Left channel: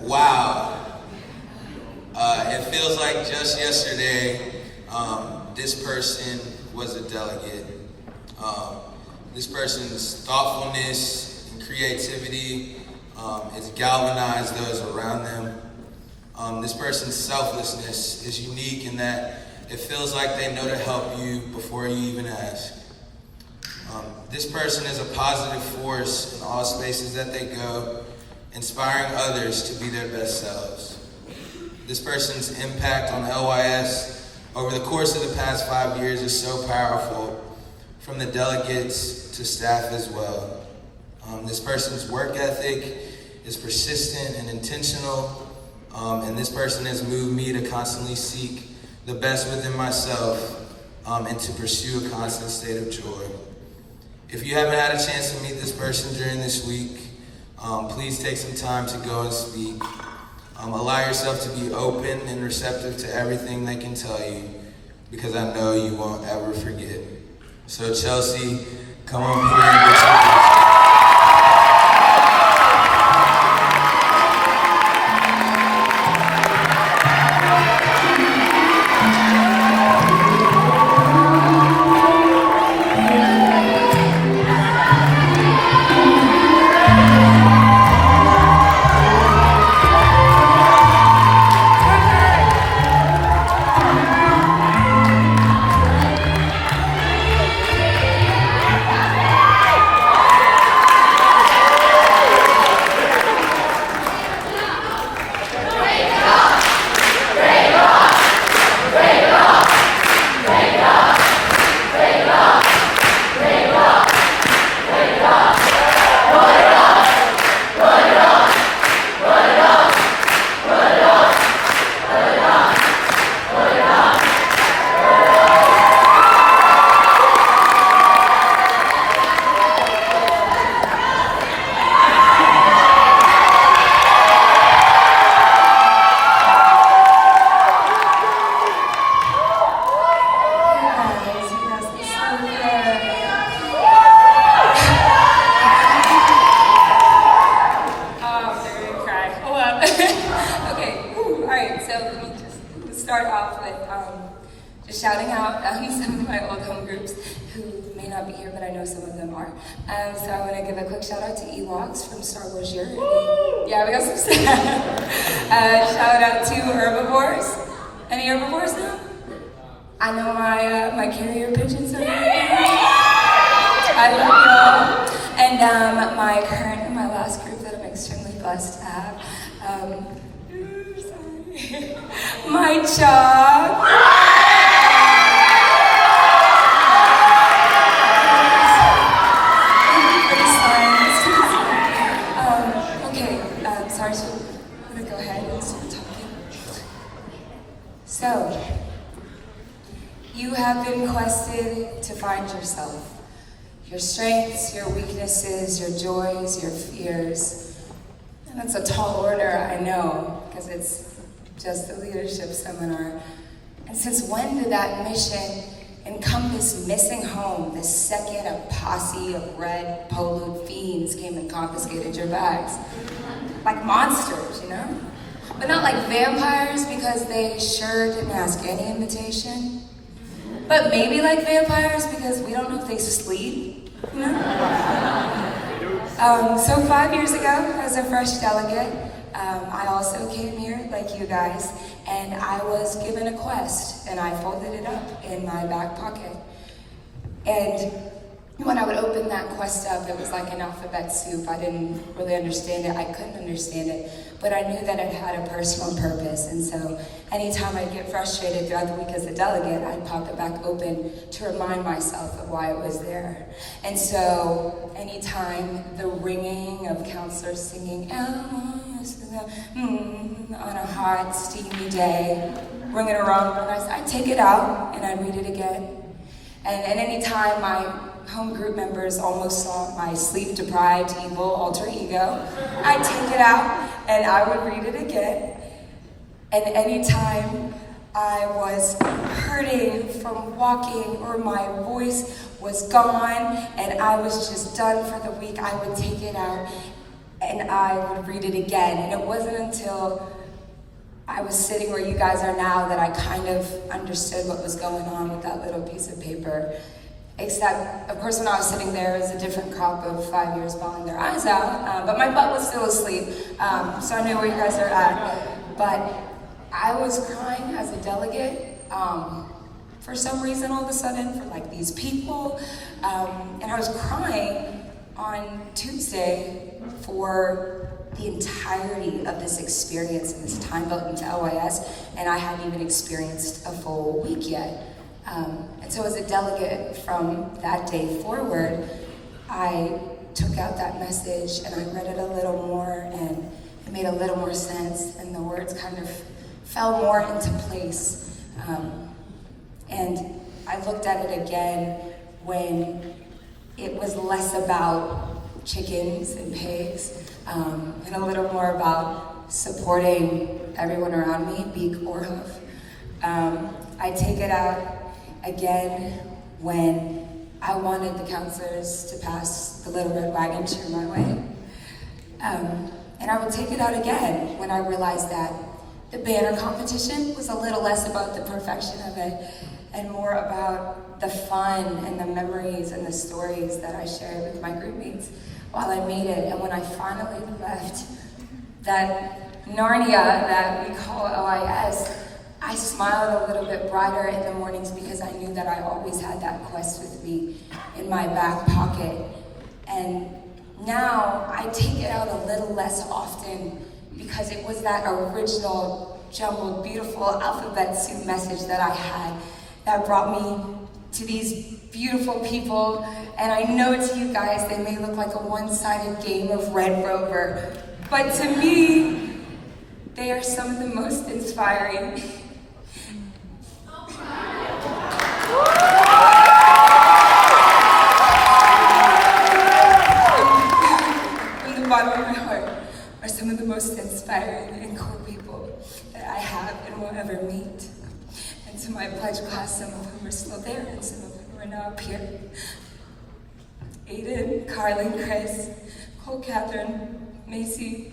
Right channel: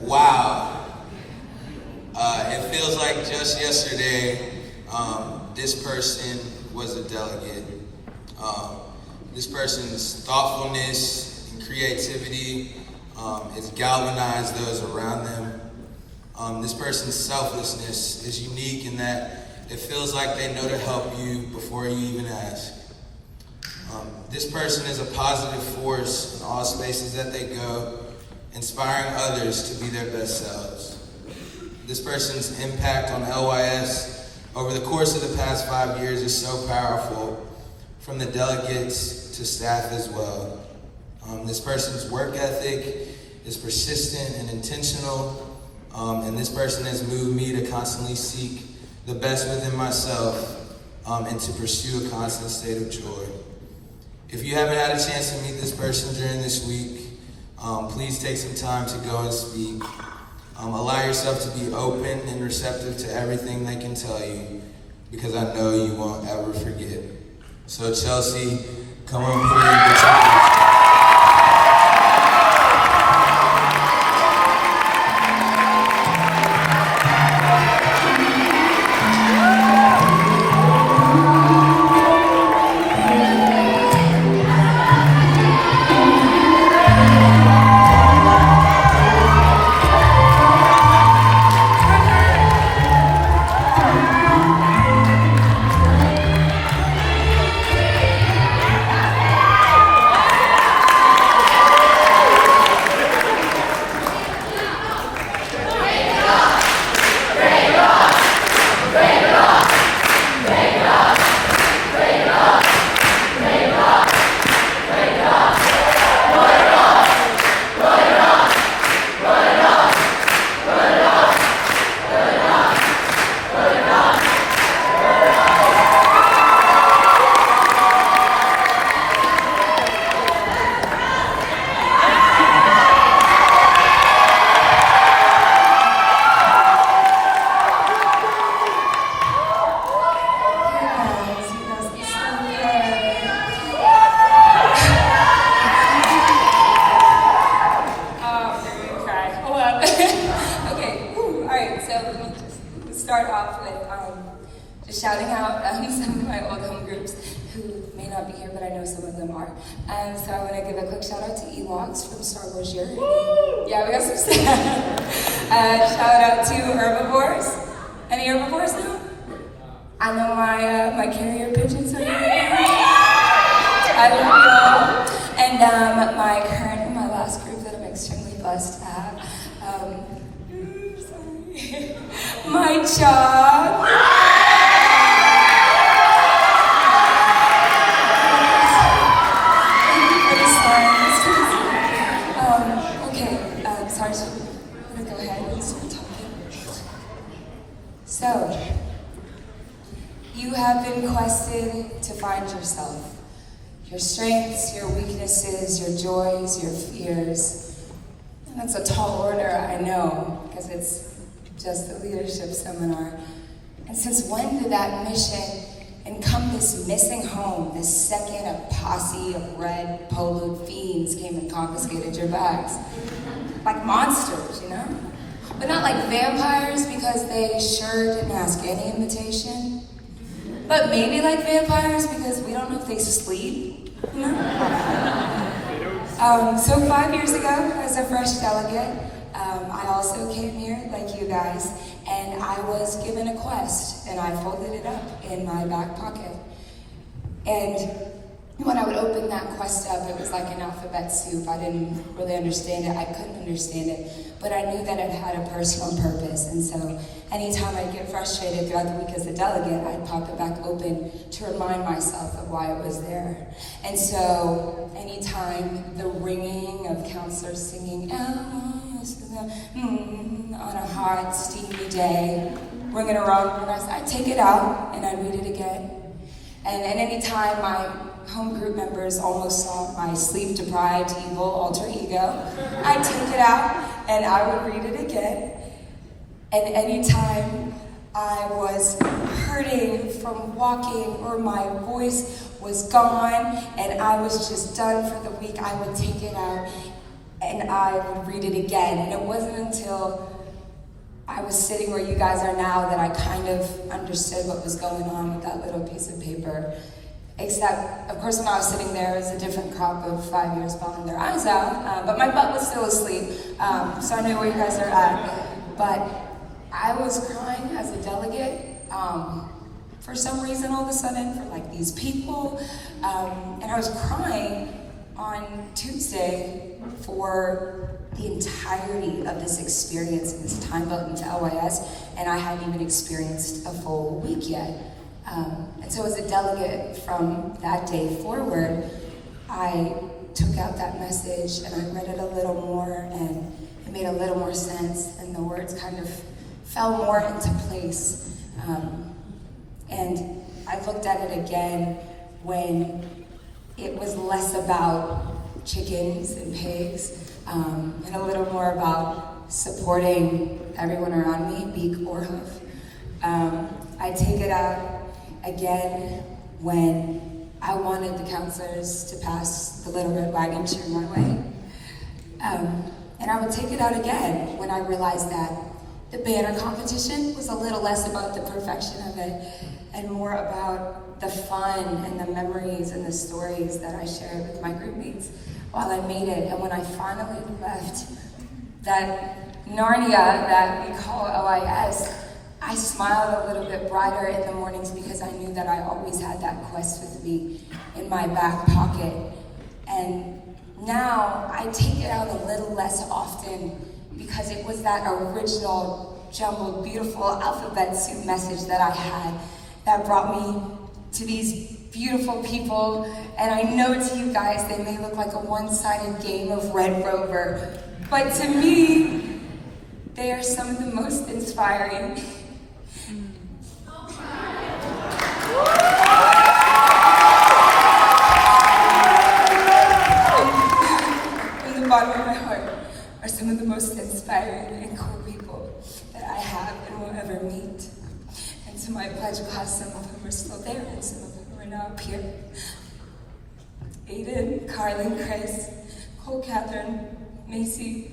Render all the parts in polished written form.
Wow. It feels like just yesterday, this person was a delegate. This person's thoughtfulness and creativity has galvanized those around them. This person's selflessness is unique in that it feels like they know to help you before you even ask. This person is a positive force in all spaces that they go, inspiring others to be their best selves. This person's impact on LYS over the course of the past 5 years is so powerful, from the delegates to staff as well. This person's work ethic is persistent and intentional, and this person has moved me to constantly seek the best within myself and to pursue a constant state of joy. If you haven't had a chance to meet this person during this week, please take some time to go and speak. Allow yourself to be open and receptive to everything they can tell you, because I know you won't ever forget. So Chelsea, come on here and get your start off with just shouting out some of my old home groups who may not be here, but I know some of them are. So I want to give a quick shout out to LYS from Star Wars Year. Yeah, we got some shout out to herbivores. Any herbivores now? I know my carrier pigeons are here. I love y'all. And my current and my last group that I'm extremely blessed to have. My job. Sorry, so I'm gonna go ahead and start talking. So, you have been quested to find yourself. Your strengths, your weaknesses, your joys, your fears. And that's a tall order, I know, because it's just a leadership seminar. And since when did that mission encompass missing home the second a posse of red poloed fiends came and confiscated your bags? Like monsters, you know? But not like vampires, because they sure didn't ask any invitation. But maybe like vampires, because we don't know if they sleep, you know? So 5 years ago, as a fresh delegate, I also came here, like you guys, and I was given a quest, and I folded it up in my back pocket. And when I would open that quest up, it was like an alphabet soup. I didn't really understand it. I couldn't understand it, but I knew that it had a personal purpose. And so anytime I'd get frustrated throughout the week as a delegate, I'd pop it back open to remind myself of why it was there. And so anytime the ringing of counselors singing on a hot, steamy day, ringing around real nice, I'd take it out and I'd read it again. And anytime my home group members almost saw my sleep-deprived, evil alter ego, I'd take it out and I would read it again. And anytime I was hurting from walking or my voice was gone and I was just done for the week, I would take it out and I would read it again. And it wasn't until I was sitting where you guys are now that I kind of understood what was going on with that little piece of paper. Except, of course, when I was sitting there, it was a different crop of 5 years bawling their eyes out, but my butt was still asleep, so I knew where you guys are at. But I was crying as a delegate, for some reason all of a sudden, for like these people, and I was crying on Tuesday for the entirety of this experience and this time built into LYS, and I hadn't even experienced a full week yet. And so as a delegate from that day forward, I took out that message and I read it a little more, and it made a little more sense, and the words kind of fell more into place. And I looked at it again when it was less about chickens and pigs, and a little more about supporting everyone around me, beak or hoof. I take it out again when I wanted the counselors to pass the little red wagon chair my way. And I would take it out again when I realized that the banner competition was a little less about the perfection of it and more about the fun and the memories and the stories that I shared with my group mates while I made it. And when I finally left that Narnia that we call LYS, I smiled a little bit brighter in the mornings because I knew that I always had that quest with me in my back pocket. And now I take it out a little less often because it was that original, jumbled, beautiful alphabet soup message that I had that brought me to these beautiful people. And I know to you guys, they may look like a one-sided game of Red Rover, but to me, they are some of the most inspiring. From the bottom of my heart are some of the most inspiring and cool people that I have and will ever meet. And to my pledge class, some of whom are still there and some of whom are now up here. Aiden, Carlin, Chris, Cole, Catherine, Macy,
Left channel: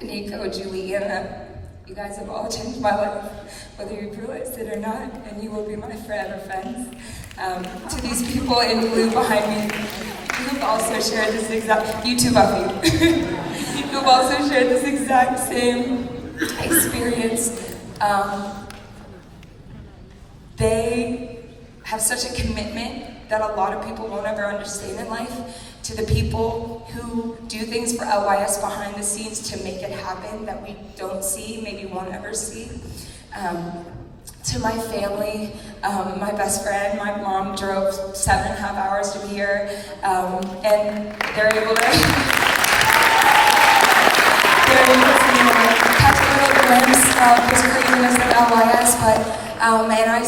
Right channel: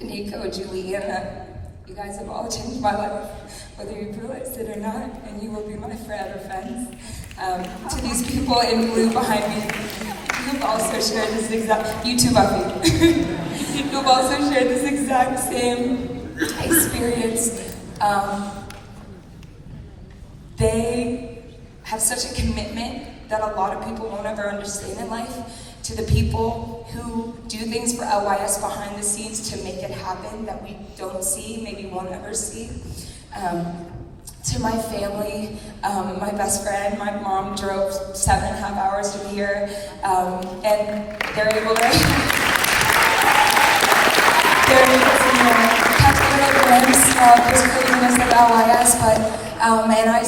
Nico, Juliana, you guys have all changed my life, whether you've realized it or not, and you will be my forever friends. To these people in blue behind me, who've also shared this exact, you too, Buffy, who've also shared this exact same experience. They have such a commitment that a lot of people won't ever understand in life, to the people who do things for LYS behind the scenes to make it happen that we don't see, maybe won't ever see. To my family, my best friend, my mom drove 7.5 hours to be here, and they're able to catch a little glimpse of this craziness of LYS, but and I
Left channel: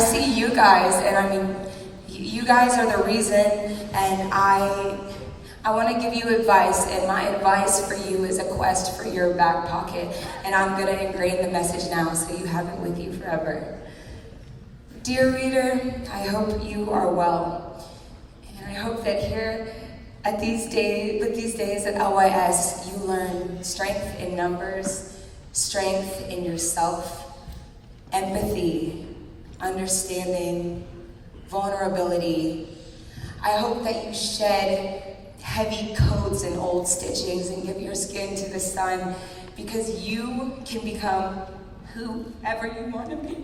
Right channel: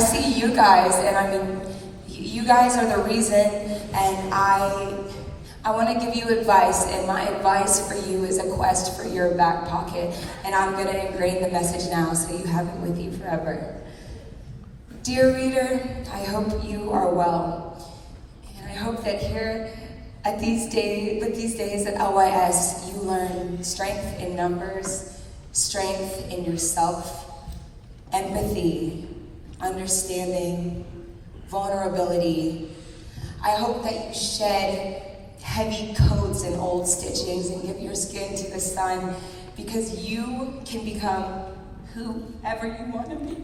see you guys, and I mean, you guys are the reason, and I want to give you advice, and my advice for you is a quest for your back pocket, and I'm going to ingrain the message now so you have it with you forever. Dear reader, I hope you are well, and I hope that here at these days at LYS, you learn strength in numbers, strength in yourself, empathy, understanding, vulnerability. I hope that you shed heavy coats and old stitchings and give your skin to the sun, because you can become whoever you want to be. You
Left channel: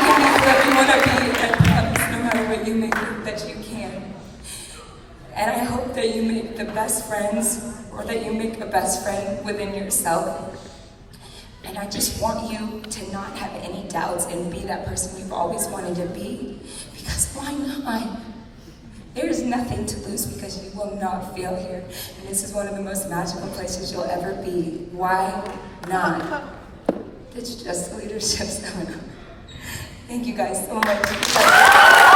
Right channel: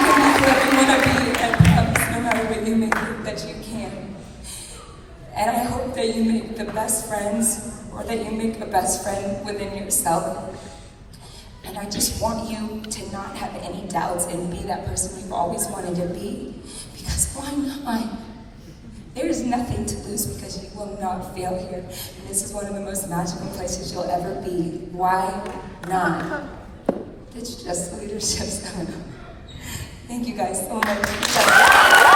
can be whoever you want to be, and promise no matter what you may think that you can. And I hope that you make the best friends, or that you make a best friend within yourself. And I just want you to not have any doubts and be that person you've always wanted to be. Because why not? There is nothing to lose because you will not fail here. And this is one of the most magical places you'll ever be. Why not? It's just leadership seminar. Thank you guys so much.